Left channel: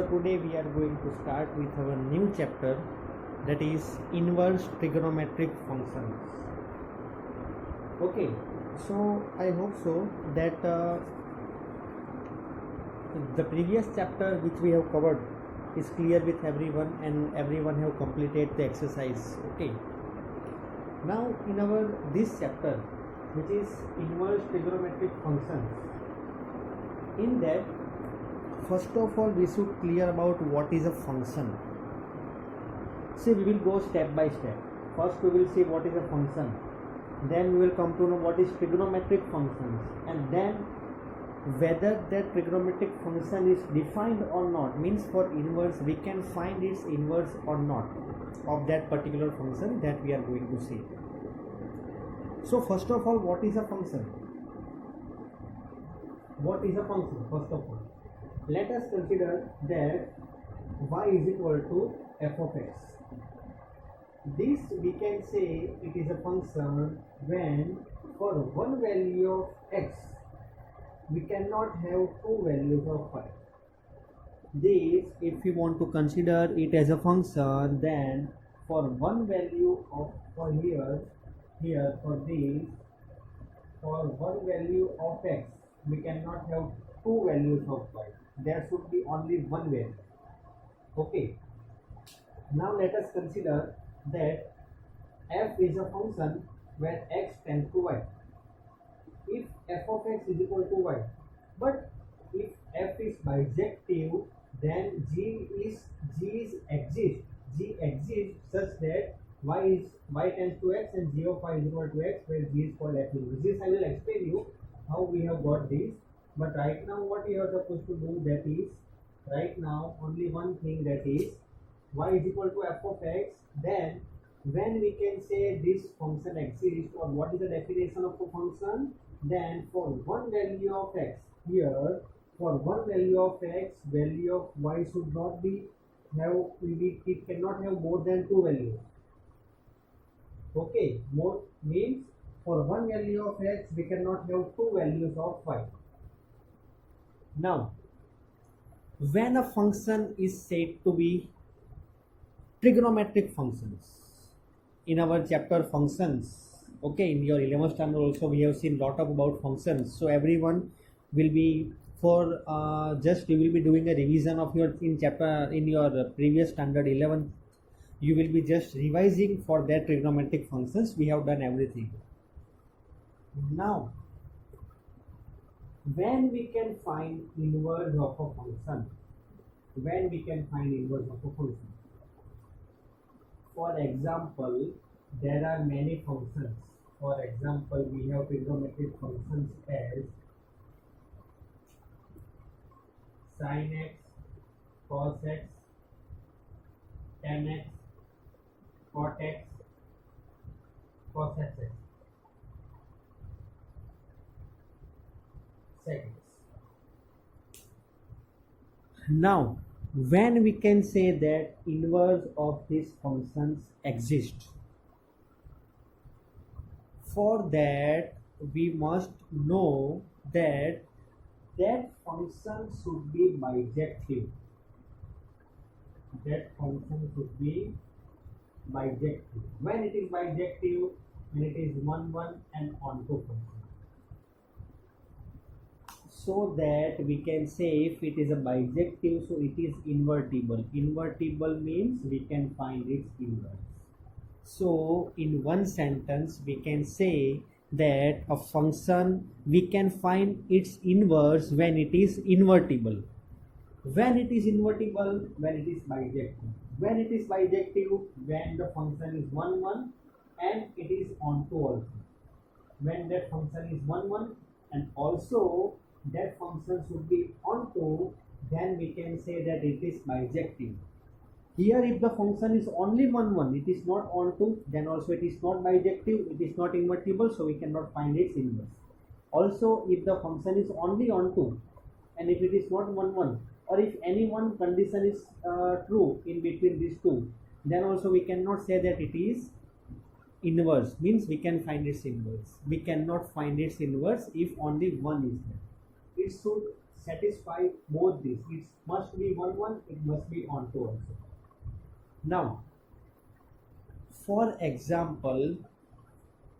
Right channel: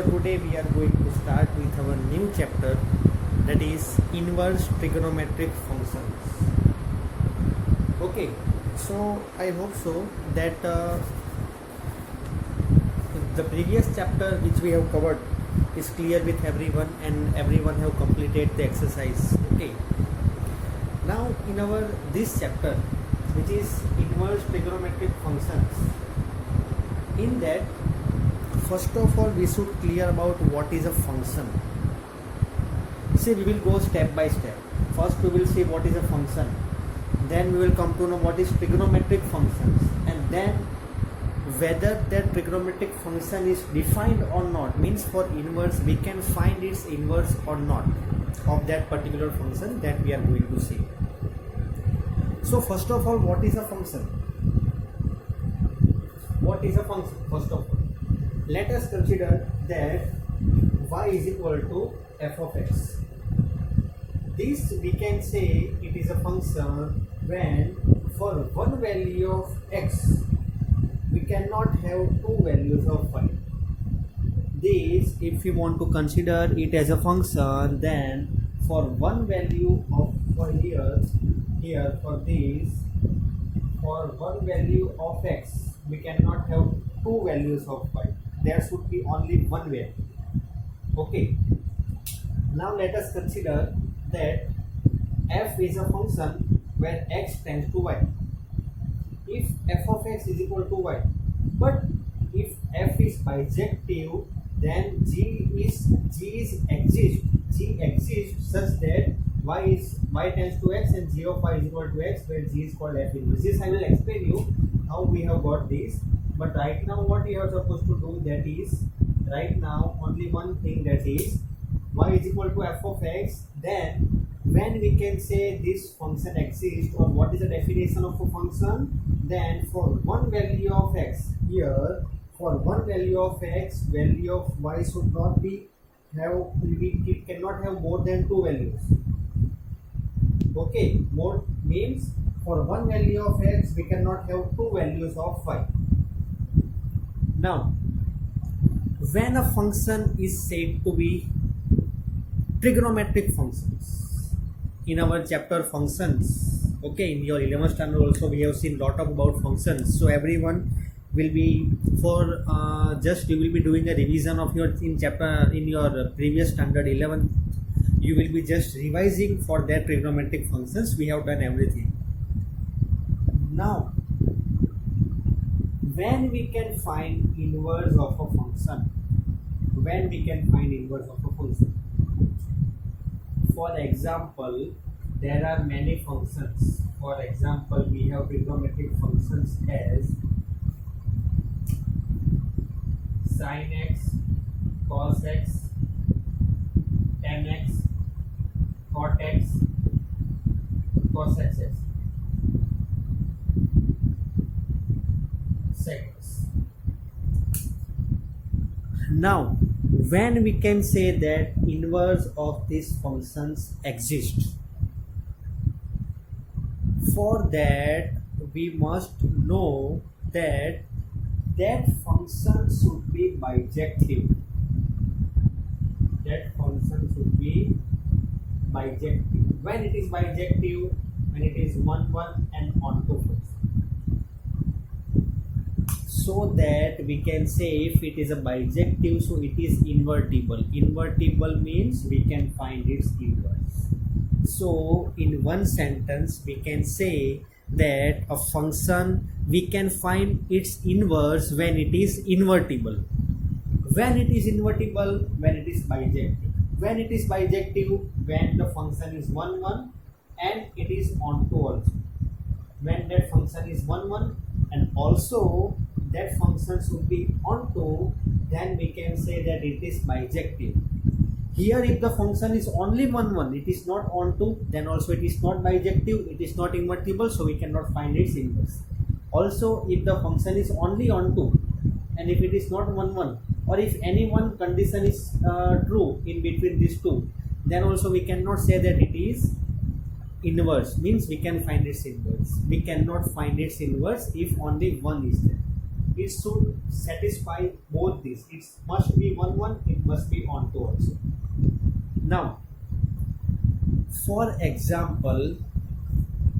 So today we are going to start with our new chapter, that is inverse trigonometric functions. Okay, so I hope so that the previous chapter which we have covered is clear with everyone and everyone have completed the exercise. Okay, now in our this chapter, which is inverse trigonometric functions, in that first of all we should clear about what is a function. See, we will go step by step. First we will see what is a function, then we will come to know what is trigonometric functions, and then whether that trigonometric function is defined or not, means for inverse we can find its inverse or not of that particular function, that we are going to see. So first of all, what is a function? What is a function? First of all, let us consider that y is equal to f of x. This we can say it is a function when for one value of x we cannot have two values of y. This, if we want to consider it as a function, then for one value of y here for this, for one value of x we cannot have two values of y. There should be only one value. Okay, now let us consider that f is a function where x tends to y. If f of x is equal to y, but if f is bijective, then g exists such that y tends to x and g of y is equal to x, where g is called f inverse. This I will explain you how we have got this. But right now what we are supposed to do, that is right now only one thing, that is y is equal to f of x. Then when we can say this function exists, or what is the definition of a function, then for one value of x here, for one value of x, value of y should not be it cannot have more than two values. Okay, more means for one value of x we cannot have two values of y. Now, when a function is said to be trigonometric functions, in our chapter functions, okay, in your 11th standard also we have seen lot about functions. So everyone will be for just you will be doing a revision of your in your previous standard 11. You will be just revising for that trigonometric functions. We have done everything. Now, when we can find inverse of a function, for example, there are many functions. For example, we have trigonometric functions as sin x, cos x, tan x, cot x, cos x. Seconds. Now, when we can say that inverse of these functions exist, for that we must know that that function should be bijective. When it is bijective, when it is 1 1 and onto 4. So that we can say if it is a bijective, so it is invertible. Invertible means we can find its inverse. So in one sentence we can say that a function we can find its inverse when it is invertible. When it is invertible, when it is bijective. When it is bijective, when the function is 1 1 and it is onto also. When that function is 1 1 and also that function should be onto, then we can say that it is bijective. Here if the function is only 1 1, it is not onto, then also it is not bijective, it is not invertible, so we cannot find its inverse. Also, if the function is only onto and if it is not 1 1, or if any one condition is true in between these two, then also we cannot say that it is inverse, means we can find its inverse. We cannot find its inverse if only one is there. it should satisfy both these. It must be 1 1, it must be onto also. Now, for example,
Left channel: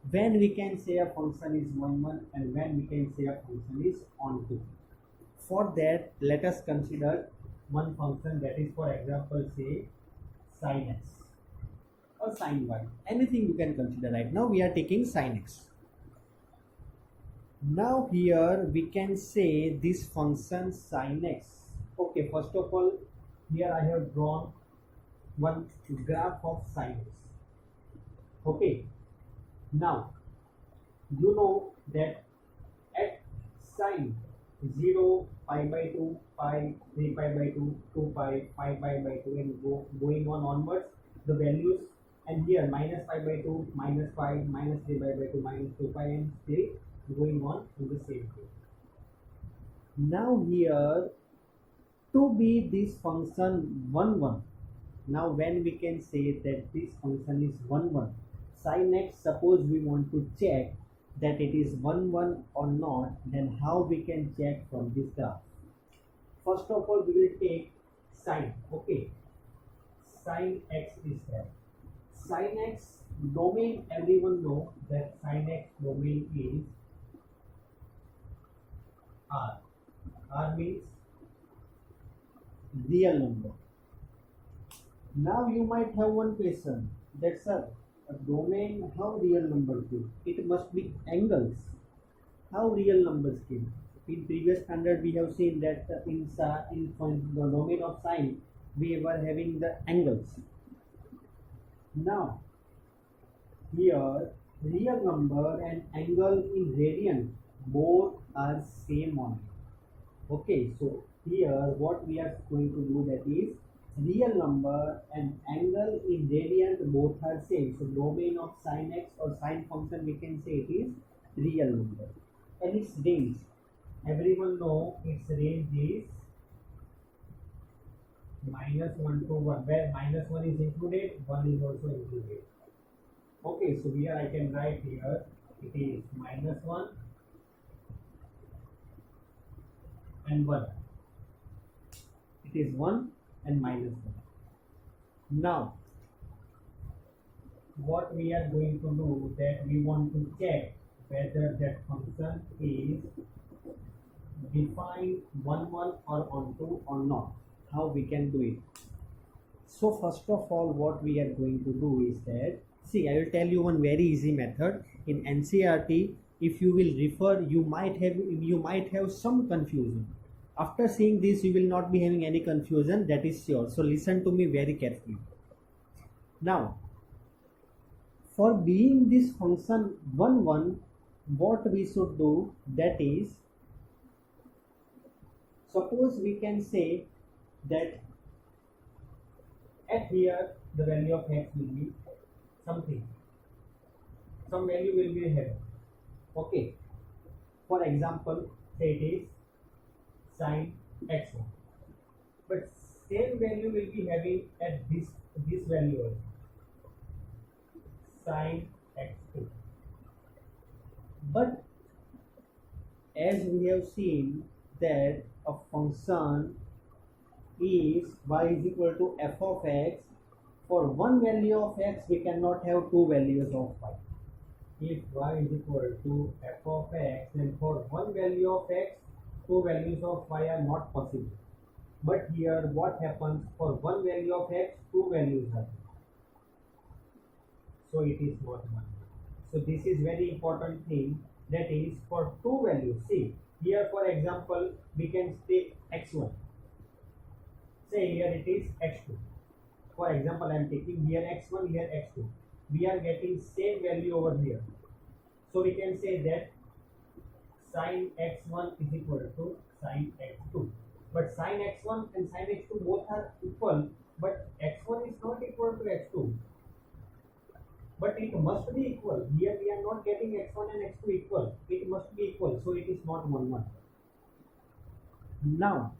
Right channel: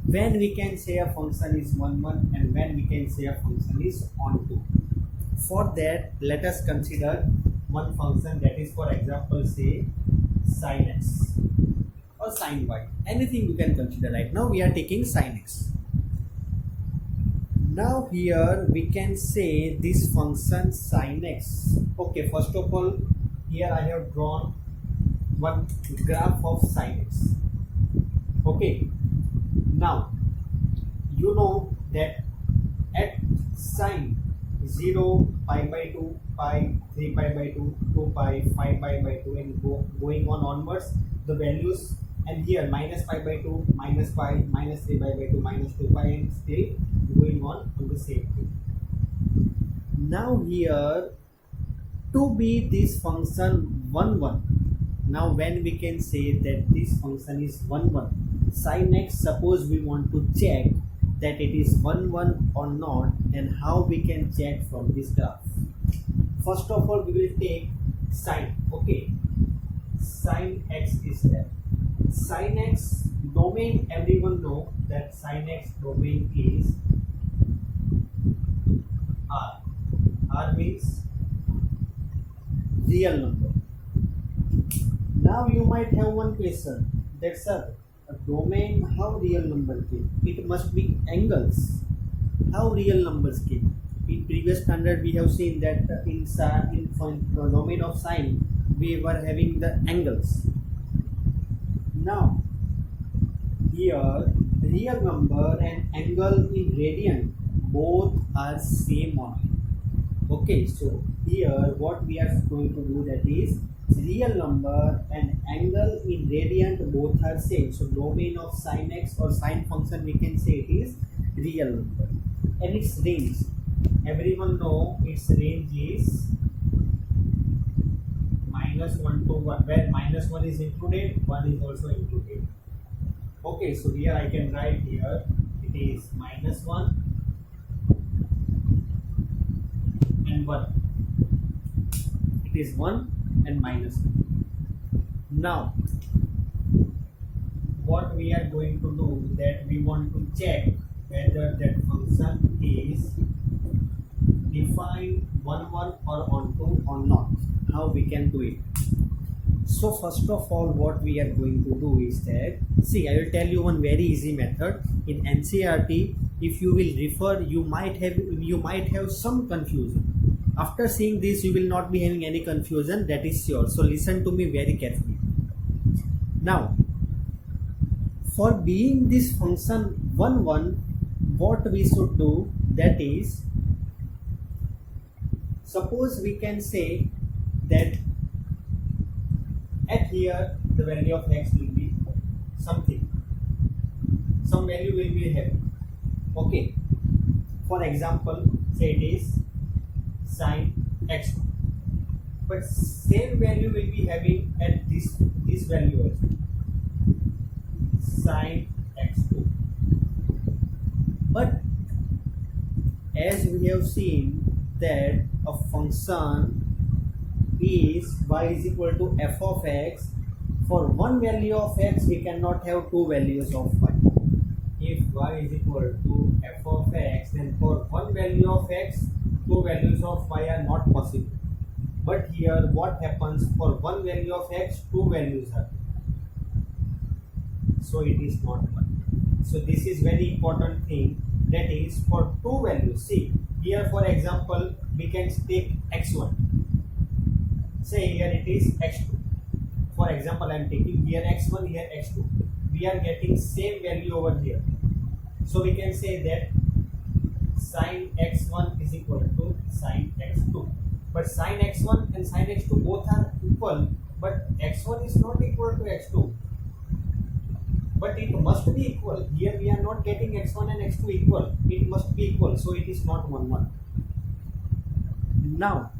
when we can say a function is 1 1 and when we can say a function is onto. For that, let us consider one function, that is, for example, say sin x or sin y. Anything you can consider. Right now we are taking sin x. Now here we can say this function sin x. Okay, first of all, here I have drawn one graph of sin x. Okay, now you know that at sin 0, pi by 2, pi, 3 pi by 2, 2 pi, 5 pi by 2 and going on onwards, the values, and here minus pi by 2, minus pi, minus 3 pi by 2, minus 2 pi, and still going on the same thing. Now here, to be this function 1 1, now when we can say that this function is 1 1, sin x, suppose we want to check that it is 1 1 or not, then how we can check from this graph? First of all, we will take sin. Okay, sin x is there. Sin x domain, everyone know that sin x domain is R. R means real number. Now you might have one question, that sir, a domain, how real number came? It must be angles. How real numbers came? In previous standard we have seen that in the domain of sine we were having the angles. Now here real number and angle in radian both are same only. Okay, so here what we are going to do, that is, real number and angle in radian both are same. So domain of sin x or sine function, we can say it is real number. And its range, everyone know its range is -1 to 1, where -1 is included, 1 is also included. Okay, so here I can write here it is -1 and 1. It is 1 and -1. Now what we are going to do, that we want to check whether that function is defined 1 1 or onto or not. How we can do it? So first of all, what we are going to do is that, see, I will tell you one very easy method. In NCERT, if you will refer, you might have some confusion. After seeing this, you will not be having any confusion, that is sure. So listen to me very carefully. Now, for being this function 1 1, what we should do, that is, suppose we can say that at here the value of x will be something, some value will be here. Okay, for example, say it is sin x1, but same value will be having at this value also, sin x2. But as we have seen that a function is y is equal to f of x, for one value of x we cannot have two values of y. If y is equal to f of x, then for one value of x, two values of y are not possible. But here what happens, for one value of x, two values are, so it is not 1. So this is very important thing, that is, for two values. See here, for example, we can take x1, say here it is x2. For example, I am taking here x1, here x2. We are getting same value over here, so we can say that sin x1 is equal to sin x2. But sin x1 and sin x2 both are equal, but x1 is not equal to x2. But it must be equal. Here we are not getting x1 and x2 equal. It must be equal, so it is not 1 1. Now,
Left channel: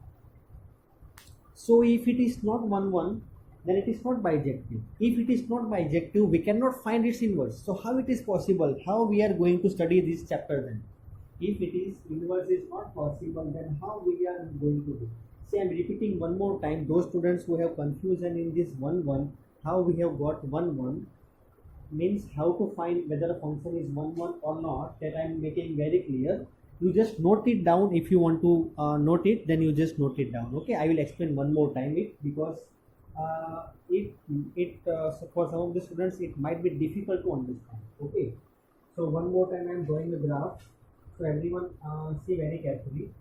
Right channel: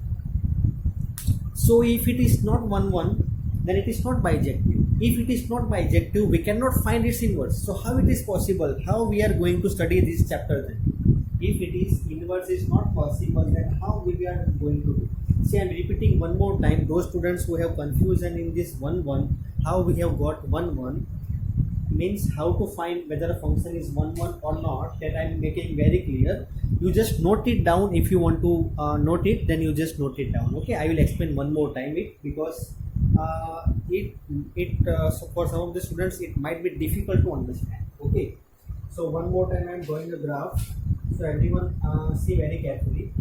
so if it is not 1 1, then it is not bijective. If it is not bijective, we cannot find its inverse. So how it is possible? How we are going to study this chapter then? If it is inverse is not possible, then how we are going to do? See, I am repeating one more time. Those students who have confusion in this 1 how we have got 1 means how to find whether a function is 1 or not, that I am making very clear. You just note it down. If you want to note it, then you just note it down. Okay, I will explain one more time it, because so for some of the students it might be difficult to understand. Okay, so one more time I am drawing the graph, so everyone see very carefully.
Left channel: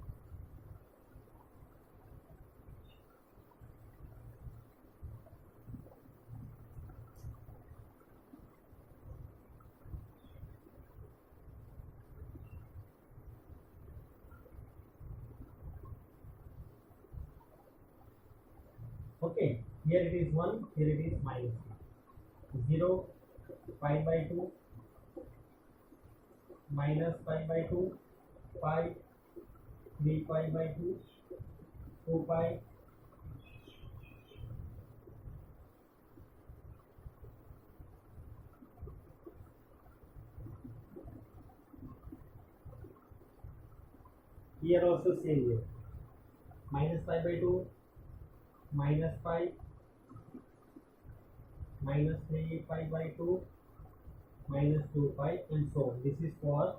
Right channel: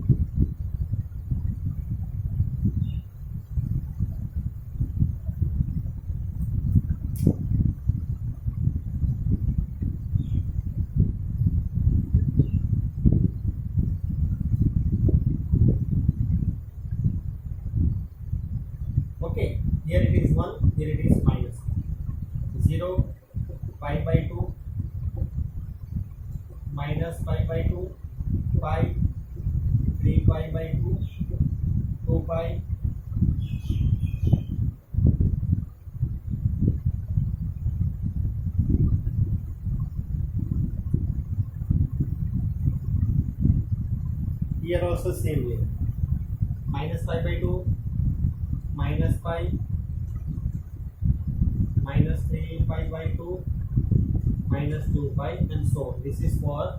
Okay, here it is 1, here it is minus 0, pi by 2, minus pi by 2, pi, 3 pi by 2, 2 pi, here also same way, minus pi by 2, minus pi, minus 3 pi by 2, minus 2 pi, and so on. This is for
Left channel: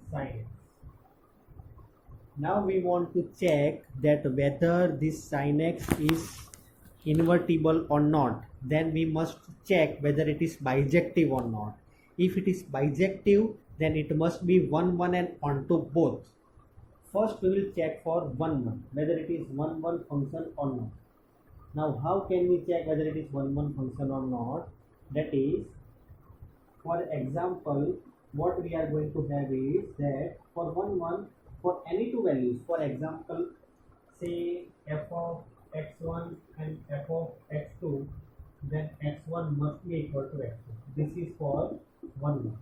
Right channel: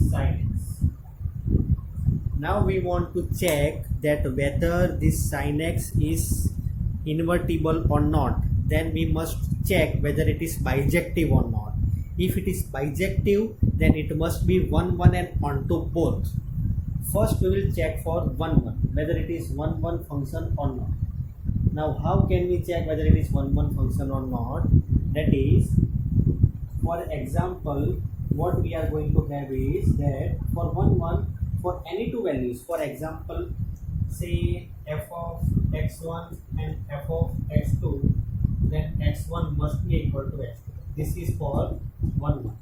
sin x. Now we want to check that whether this sin x is invertible or not. Then we must check whether it is bijective or not. If it is bijective, then it must be 1 1 and onto both. First we will check for 1 1 whether it is 1 1 function or not. Now how can we check whether it is 1 1 function or not? That is, for example, what we are going to have is that for 1 1, for any two values, for example, say f of x1 and f of x2, then x1 must be equal to x2. This is for 1 1.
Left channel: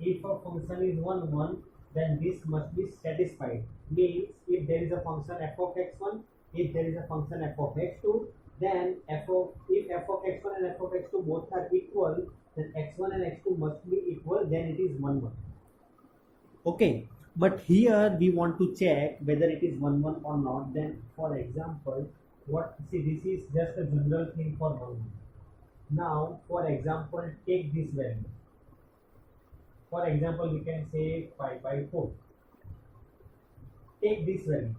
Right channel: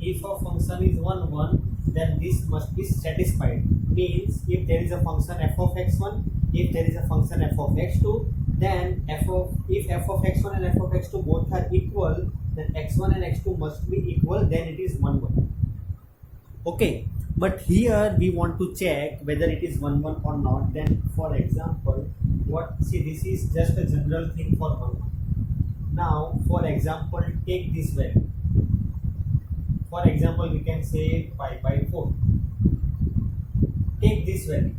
If a function is 1 1, then this must be satisfied. Means if there is a function f of x1, if there is a function f of x2, then if f of x1 and f of x2 both are equal, then x1 and x2 must be equal, then it is 1 1. Okay, but here we want to check whether it is 1 1 or not. Then for example, this is just a general thing for 1 1. Now for example, take this value. For example, we can say pi by 4. Take this value.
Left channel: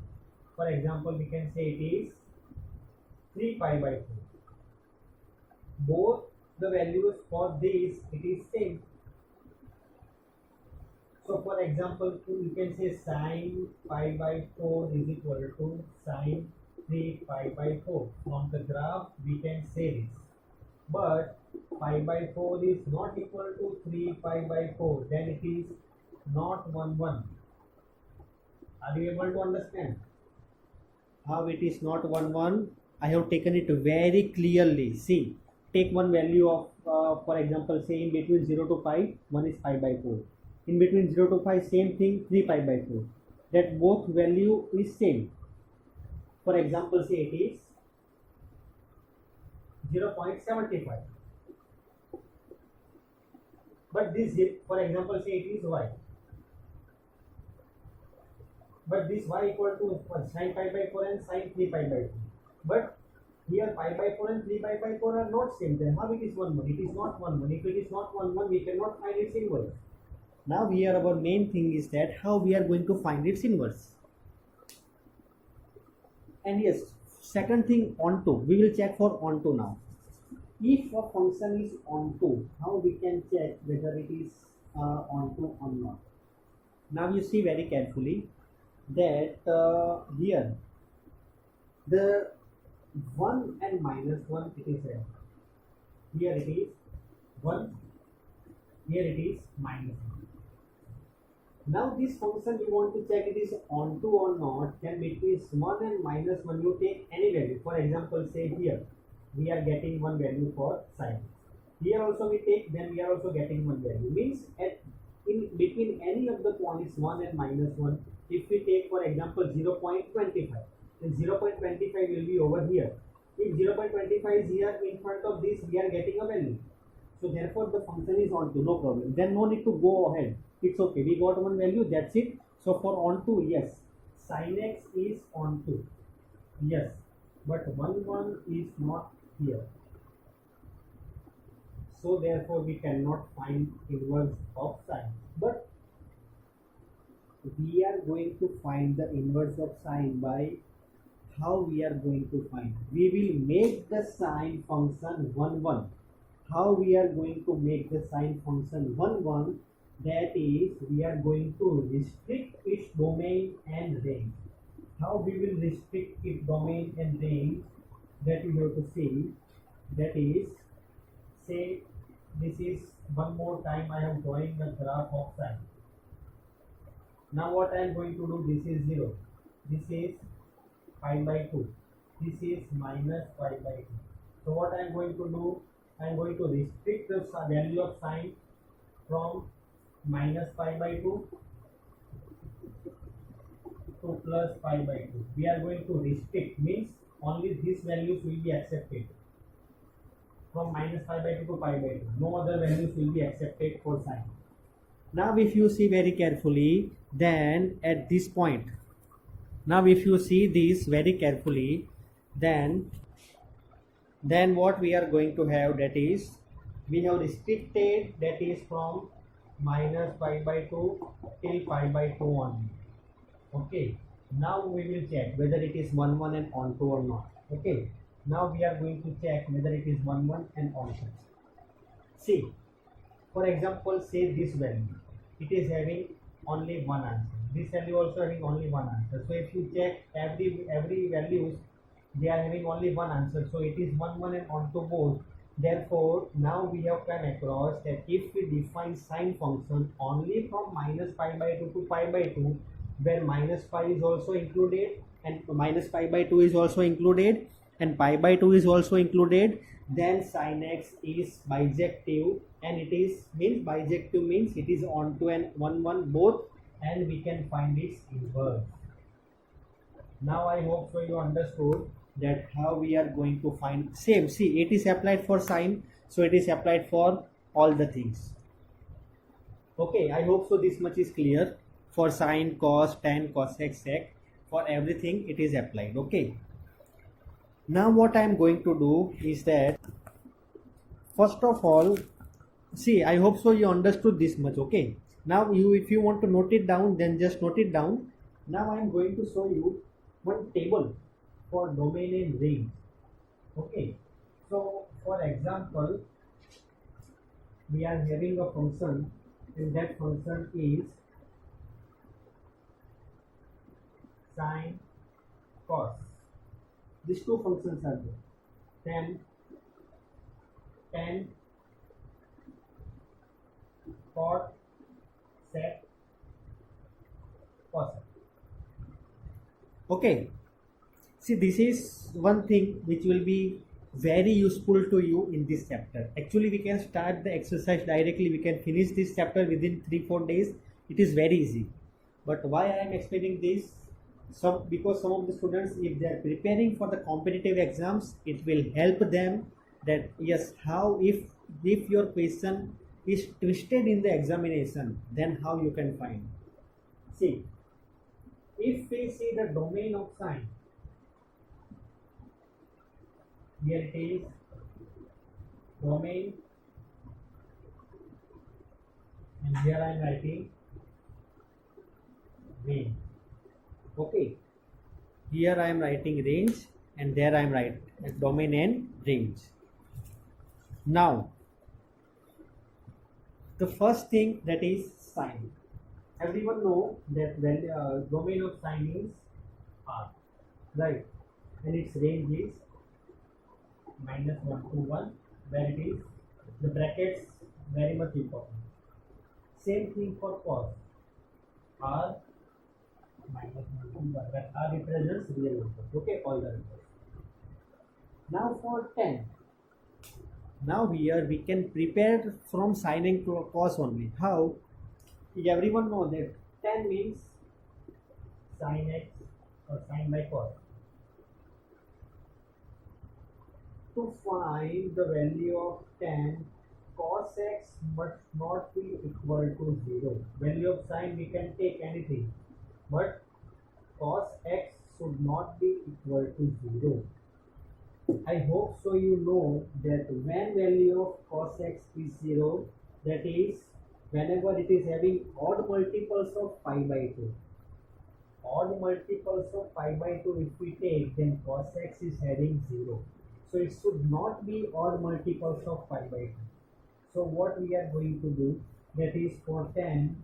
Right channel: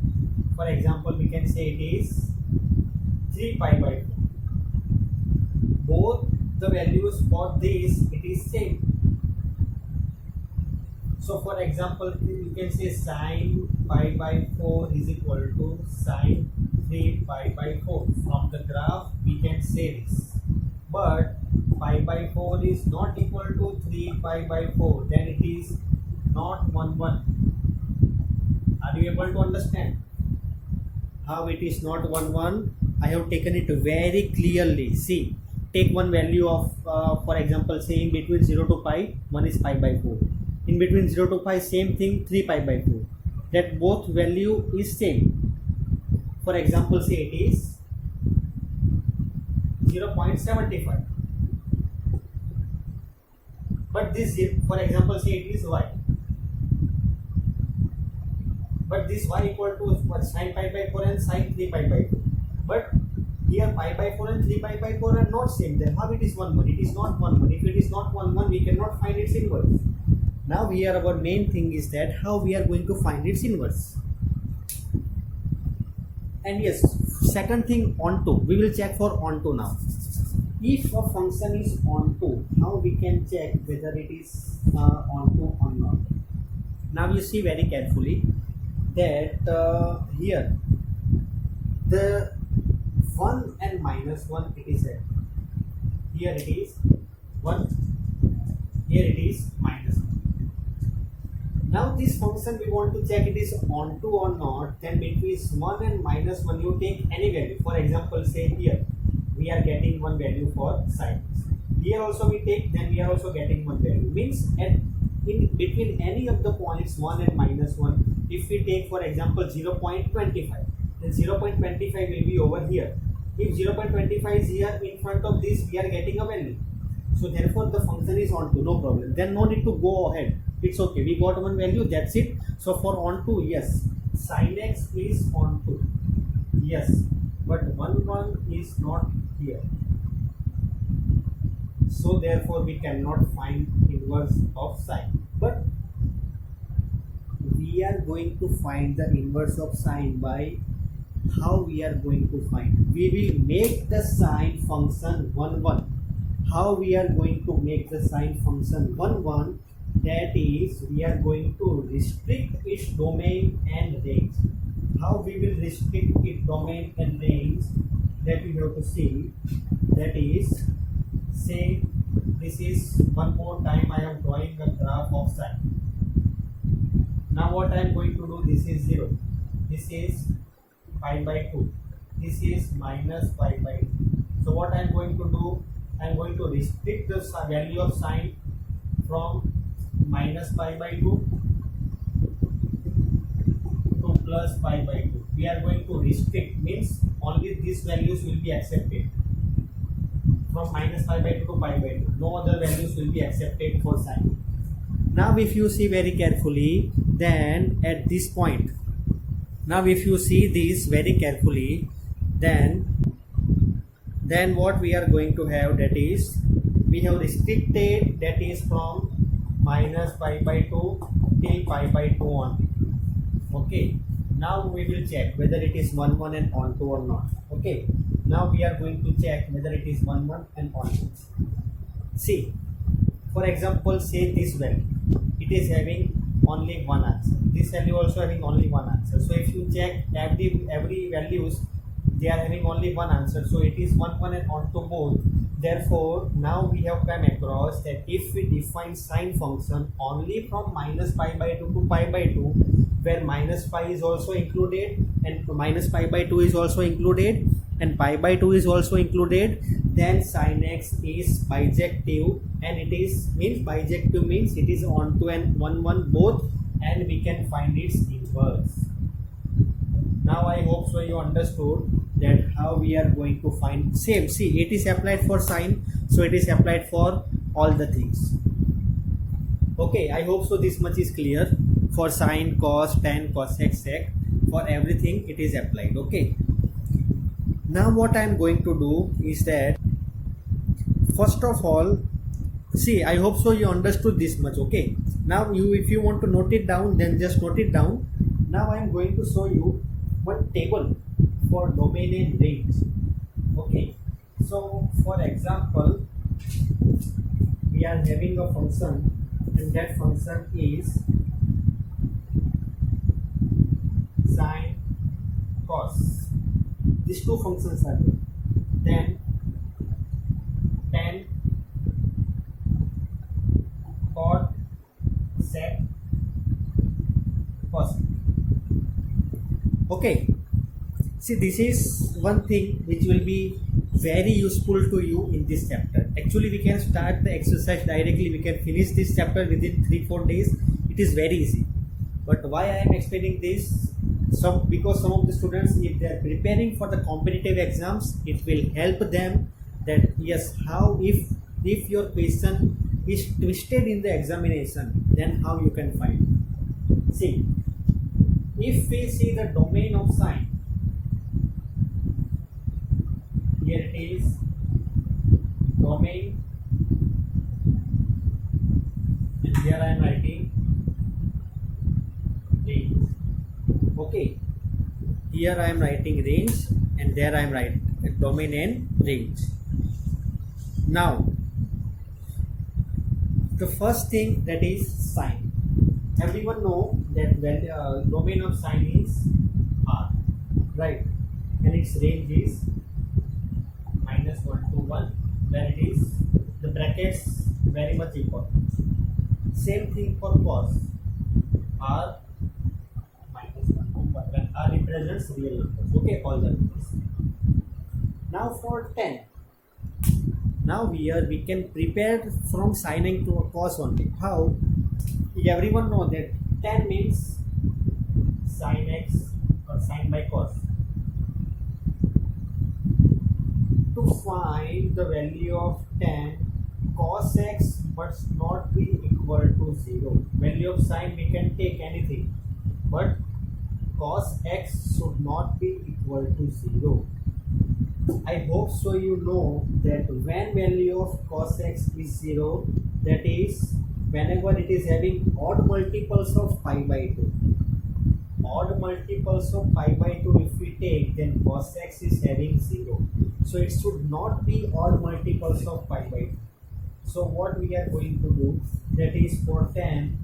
For example, we can say it is 3 pi by 4. Both the values for this, it is same. So for example, you can say sine pi by 4 is equal to sine 3 pi by 4. From the graph, we can say this. But pi by 4 is not equal to 3 pi by 4, then it is not 1 1. Are you able to understand how it is not 1 1? I have taken it very clearly. See, take one value of for example, say in between 0 to pi, one is pi by 4. In between 0 to pi, same thing, 3 pi by 4. That both value is same. For example, say it is 0.75. But this, for example, say it is y. But this y equal to sin pi by 4 and sin 3 pi by 4. But here pi by 4 and 3 pi by 4 are not same. Then how it is 1 1? It is not 1 1. If it is not 1 1, we cannot find its inverse. Now here our main thing is that how we are going to find its inverse. And yes, second thing, onto. We will check for onto now. If a function is onto, how we can check whether it is onto or not. Now you see very carefully that here the 1 and minus 1 it is there. Here it is 1, here it is minus 1. Now this function we want to check it is onto or not. Then between 1 and minus 1 you take any value. For example, say here we are getting one value for sin. Here also we take, then we are also getting one value. Means in between any of the points 1 and minus 1, if we take for example 0.25, then 0.25 will be over here. If 0.25 is here in front of this, we are getting a value. So therefore the function is onto, no problem. Then no need to go ahead. It's okay, we got one value, that's it. So for onto, yes, sin x is onto, yes, but 1 is not here, so therefore we cannot find inverse of sine. But we are going to find the inverse of sine by how we are going to find. We will make the sine function 1 How we are going to make the sine function 1 That is, we are going to restrict its domain and range. How we will restrict its domain and range, that we have to see. That is, say this is, one more time I am drawing a graph of sine. Now what I am going to do, this is 0, this is pi by 2, this is minus pi by 2. So what I am going to do, I am going to restrict the value of sine from minus pi by 2 to plus pi by 2. We are going to restrict, means only these values will be accepted. From minus pi by 2 to pi by 2. No other values will be accepted for sine. Now if you see very carefully, then at this point, now if you see this very carefully, then what we are going to have, that is, we have restricted, that is from minus pi by 2 till pi by 2 only. Okay, now we will check whether it is 1 and onto or not. Okay, now we are going to check whether it is 1 and onto. See, for example, say this value, it is having only one answer. This value also having only one answer. So if you check every values, they are having only one answer. So it is 1 and onto both. Therefore, now we have come across that if we define sine function only from minus pi by 2 to pi by 2, where minus pi is also included and minus pi by 2 is also included and pi by 2 is also included, then sin x is bijective, and it is means bijective means it is onto and 1 both, and we can find its inverse. Now I hope so you understood that how we are going to find. Same, see, it is applied for sine, so it is applied for all the things. Okay, I hope so this much is clear. For sine, cos, tan, cosec, sec, for everything it is applied. Okay, now what I am going to do is that, first of all, see, I hope so you understood this much. Okay, now if you want to note it down, then just note it down. Now I am going to show you one table for domain and range. Okay, so for example, we are having a function, and that function is sine, cos. These two functions are there. Then tan, cot, sec, cos. Okay, see, this is one thing which will be very useful to you in this chapter. Actually, we can start the exercise directly. We can finish this chapter within 3-4 days. It is very easy. But why I am explaining this? Because some of the students, if they are preparing for the competitive exams, it will help them that yes, how if your question is twisted in the examination, then how you can find. See, if we see the domain of sine, here it is domain, and here I am writing range. Okay, here I am writing range, and there I am writing domain and range. Now, the first thing, that is sine. Everyone know that domain of sine is R, right? And its range is -1 to 1, where it is the brackets very much important. Same thing for cos, R -1 to 1, when R represents real numbers. Okay, all the numbers. Now for tan. Now here we can prepare from sine and cos only. How? Everyone know that tan means sin x or sin by cos. To find the value of tan, cos x must not be equal to 0. Value of sine we can take anything, but cos x should not be equal to 0. I hope so you know that when value of cos x is 0, that is whenever it is having odd multiples of pi by 2. Odd multiples of pi by 2 if we take, then cos x is having 0. So it should not be odd multiples of pi by 2. So what we are going to do, that is for tan,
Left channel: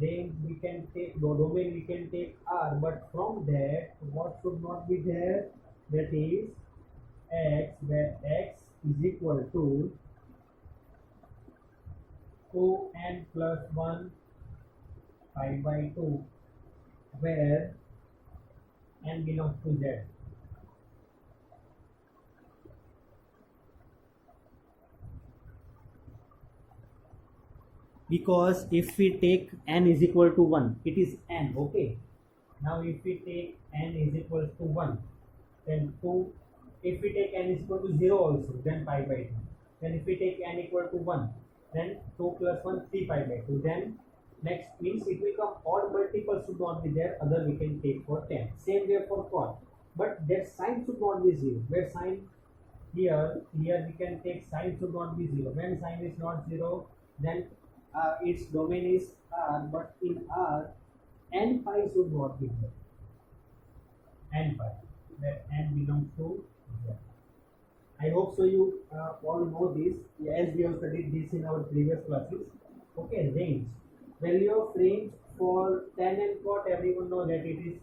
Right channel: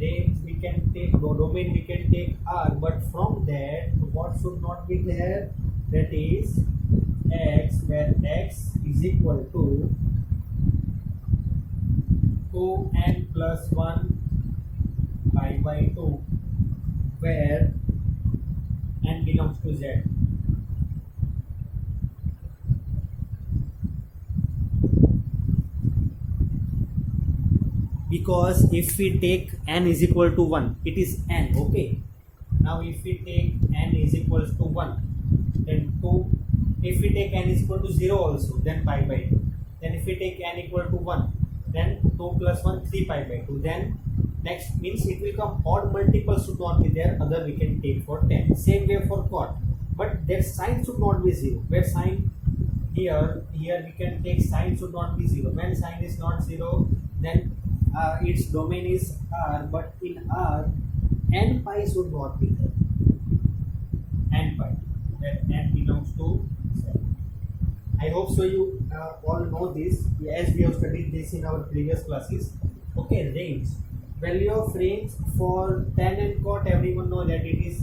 range we can take, domain we can take R, but from that what should not be there, that is x, where x is equal to 2n plus 1 pi by 2, where n belongs to z. Because if we take n is equal to 1, it is n, okay. Now if we take n is equals to 1, then 2, if we take n is equal to 0 also, then pi by 2. Then if we take n equal to 1, then 2 plus 1, 3 pi by 2. Then next means it will come odd multiples should not be there, other we can take for 10. Same way for cot, but their sign should not be 0. Where sign here we can take sign should not be 0. When sign is not 0, then its domain is R, but in R n pi should not be there. N pi, that n belongs to z. I hope so you all know this, as we have studied this in our previous classes. Okay, range. Value of range for tan and cot, everyone know that it is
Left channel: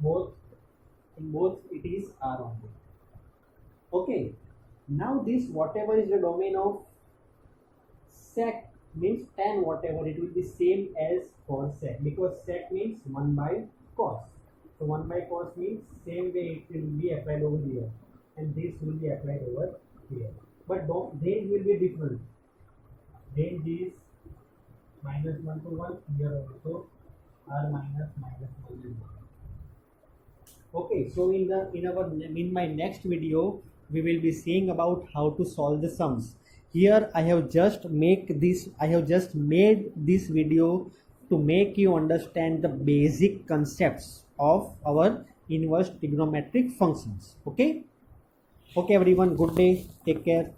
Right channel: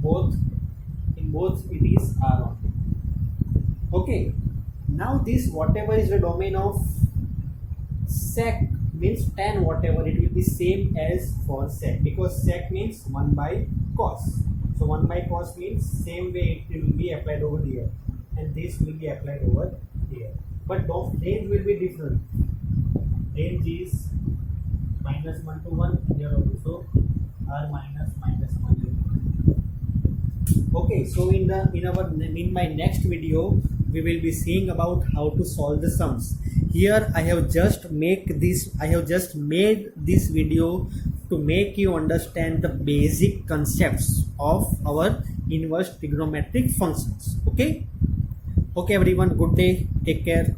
both, in both it is R only. Okay, now this whatever is the domain of sec means tan whatever, it will be same as for sec, because sec means 1 by cos. So 1 by cos means same way it will be applied over here, and this will be applied over here. But range will be different. Range is minus 1 to 1, here also R minus 1. Okay, so in my next video we will be seeing about how to solve the sums. Here I have just made this video to make you understand the basic concepts of our inverse trigonometric functions. Okay everyone, good day, take care.